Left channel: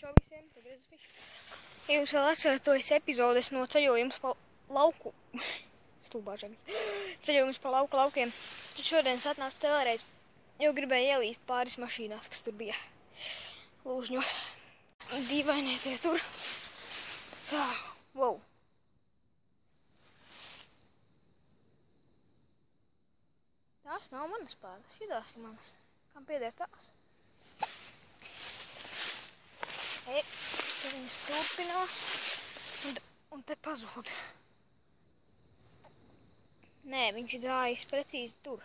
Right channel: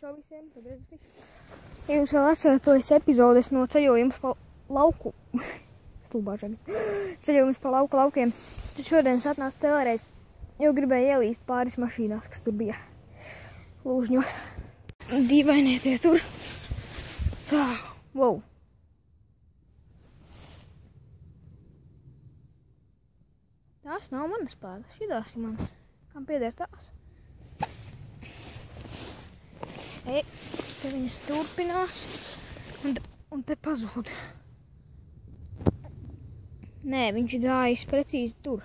Čau visiem, tad redzat. Ja jūs vēl atceraties epizodes no ceļojums pa lauku, ceļojums pa laukiem, tad šodien es atnācu vēlreiz, jo gribēju ielīst pāris mašīnās, kas tur bija lūžņos. Dīvainie tie tur. Tā, wow. Tās nav manas pēdas, šitās ir manas. Kam pieder tās? Te viņas turpinās un te pazūd. Nē, viņš ir gājis precīzi tur.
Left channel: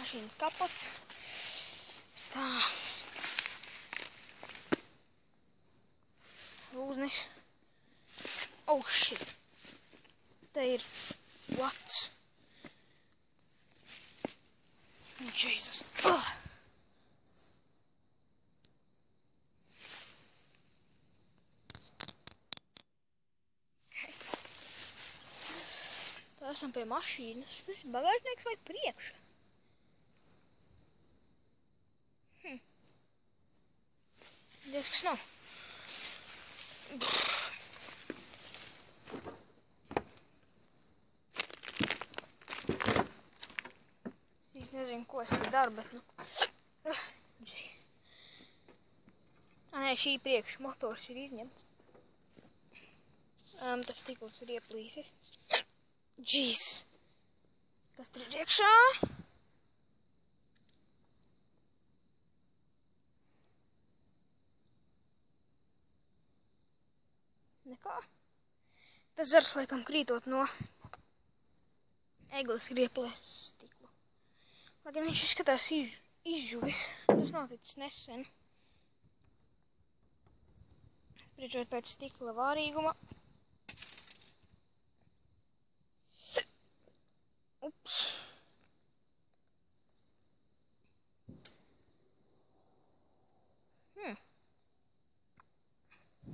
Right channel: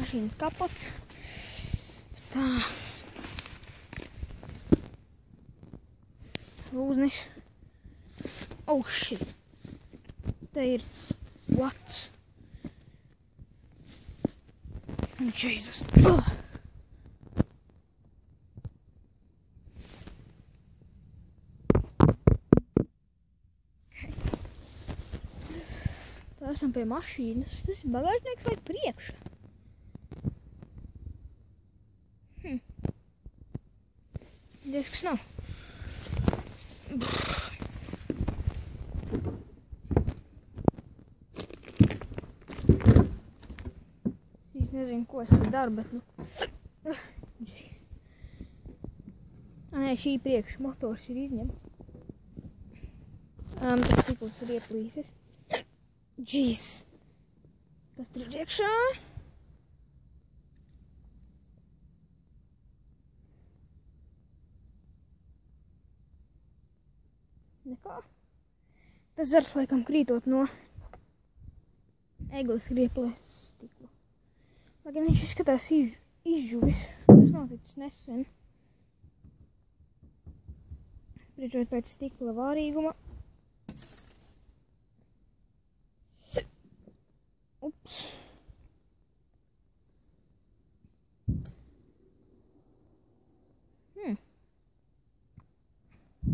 Mašīnas kapots. Tā. Lūznis. Oh shit. Te ir what's? Jesus. Tā esam pie mašīnas. Tas ir bagāžnieks vai priekšā? Disks nav. Es nezinu, ko es te daru, bet nu... Jeez. Nē, šī priekš motors ir izņemts. Tas stikls ir ieplīsis. Jeez. Kas tur ir iekšā? Nekā. Tas zars, laikam, krītot no egles ir ieplēsis stiklu. Lai gan viņš izskatās izžuvis. Tas nav ticis nesen. Spriežot pēc stikla vārīguma. Ups.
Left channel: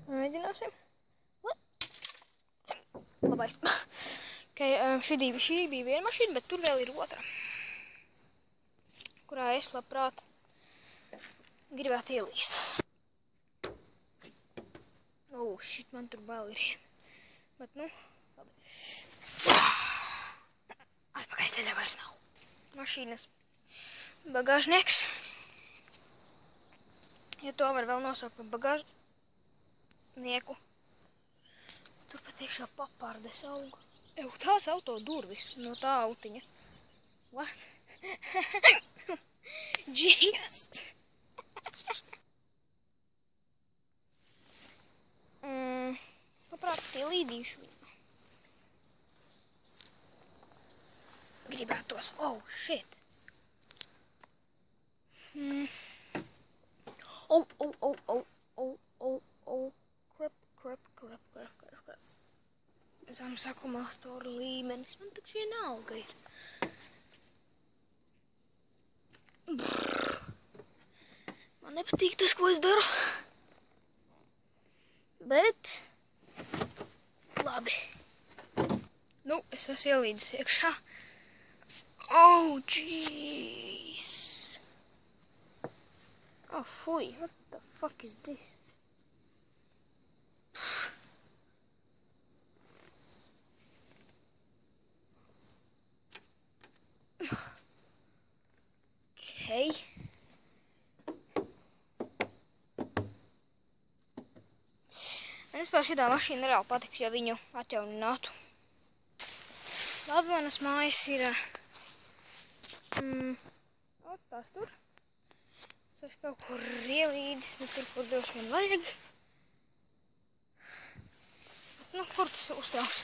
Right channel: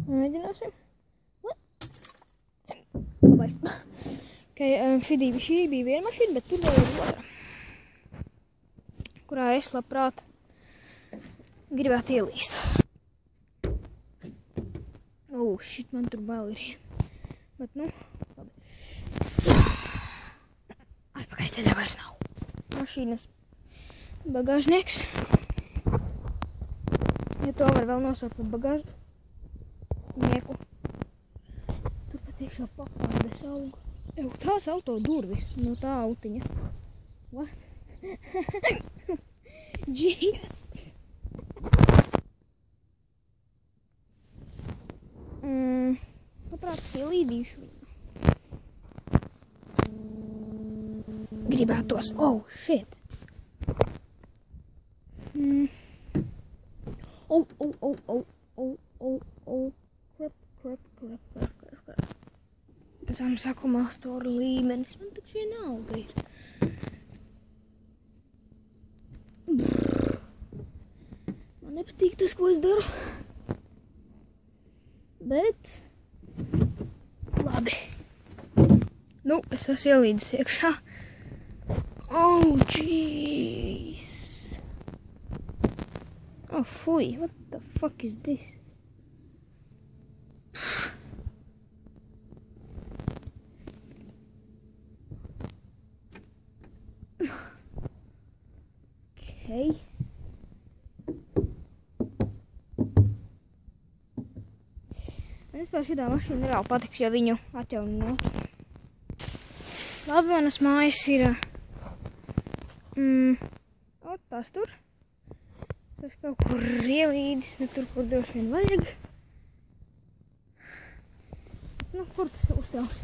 Mēģināsim. Labais. Šī bija viena mašīna, bet tur bija otra, kurā es labprāt gribētu ielīst. Shit, man tur bail ir. Bet, nu, labi. Atpakaļ ceļā vairs nav. Mašīnas bagāžnieks. Ja to var vēl nosaukt par bagāžnieku. Tur pat iekšā papārde saugu. Tās auto durvis no tā autiņa. What? Jeez. Labprāt, ielīdīšu. Gribētos. Oh, shit. Crap. Zem sakumulātoru līmenis. Man taču vienalga ir. Man nepatīk tas, ko es daru. Bet labi. Nu, es esmu ielīdis iekšā. Oh, jeez. Oh, fuj. What the fuck is this? Okay. Man vispār šitā mašīna reāli patiks, ja viņu atjauninātu. Labi, manas mājas ir... tās tur. Es esmu kaut kur ielīdis, nu tur, kur droši vien vajag. Nu, kur tas uztrauks?